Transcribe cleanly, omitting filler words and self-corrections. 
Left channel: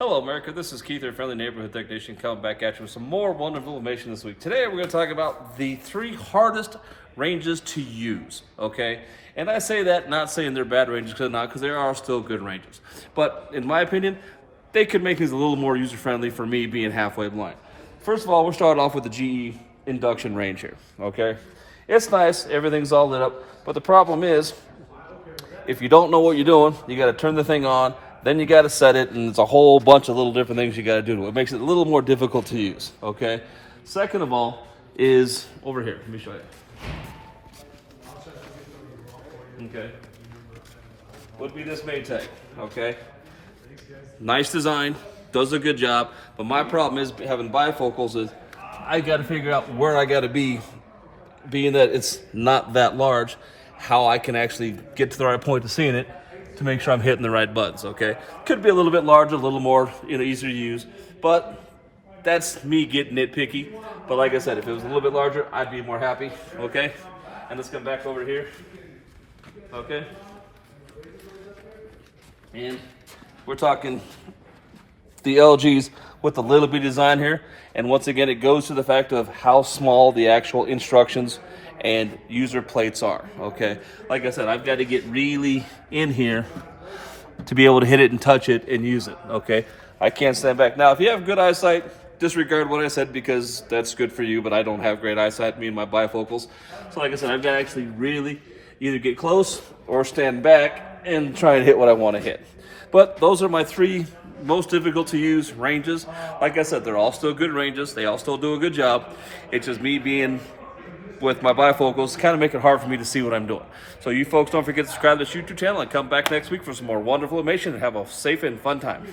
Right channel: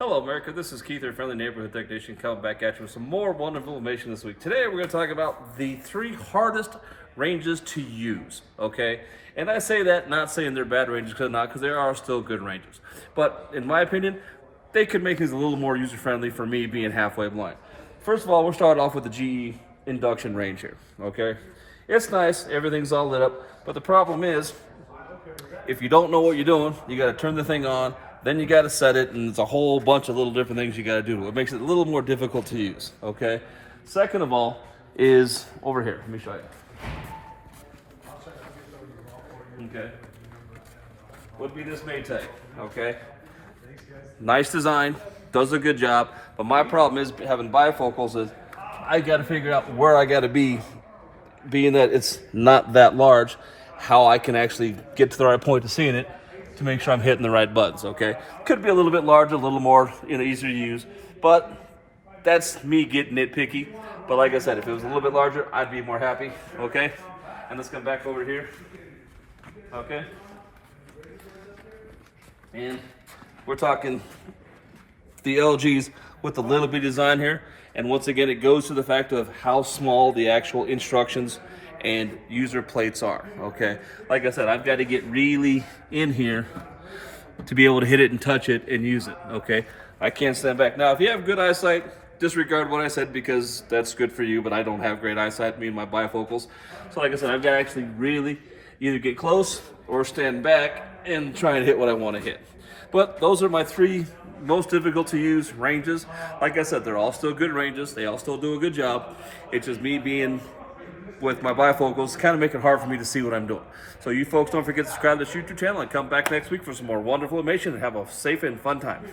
Hello, America. This is Keith, your friendly neighborhood technician, coming back at you with some more wonderful information this week. Today, we're going to talk about the 3 hardest ranges to use, okay? And I say that not saying they're bad ranges, because there are still good ranges. But in my opinion, they could make things a little more user-friendly for me being halfway blind. First of all, we'll start off with the GE induction range here, okay? It's nice, everything's all lit up, but the problem is, if you don't know what you're doing, you got to turn the thing on, then you got to set it, and it's a whole bunch of little different things you got to do to it. It makes it a little more difficult to use, okay? Second of all is over here. Let me show you. Okay. Would be this Maytag, okay? Nice design, does a good job, but my problem is having bifocals is I got to figure out where I got to be, being that it's not that large, how I can actually get to the right point to seeing it, to make sure I'm hitting the right buttons, okay? Could be a little bit larger, a little more, easier to use, but that's me getting nitpicky. But like I said, if it was a little bit larger, I'd be more happy, okay? And let's come back over here, okay? And we're talking the LGs with the little bit design here. And once again, it goes to the fact of how small the actual instructions and user plates are, okay? Like I said, I've got to get really in here to be able to hit it and touch it and use it, okay? I can't stand back. Now, if you have good eyesight, disregard what I said because that's good for you, but I don't have great eyesight, me and my bifocals. So like I said, I've got to actually really either get close or stand back and try and hit what I want to hit. But those are my 3 most difficult to use ranges. Like I said, they're all still good ranges. They all still do a good job. It's just me being with my bifocals, kind of make it hard for me to see what I'm doing. So you folks don't forget to subscribe to this YouTube channel and come back next week for some more wonderful information and have a safe and fun time.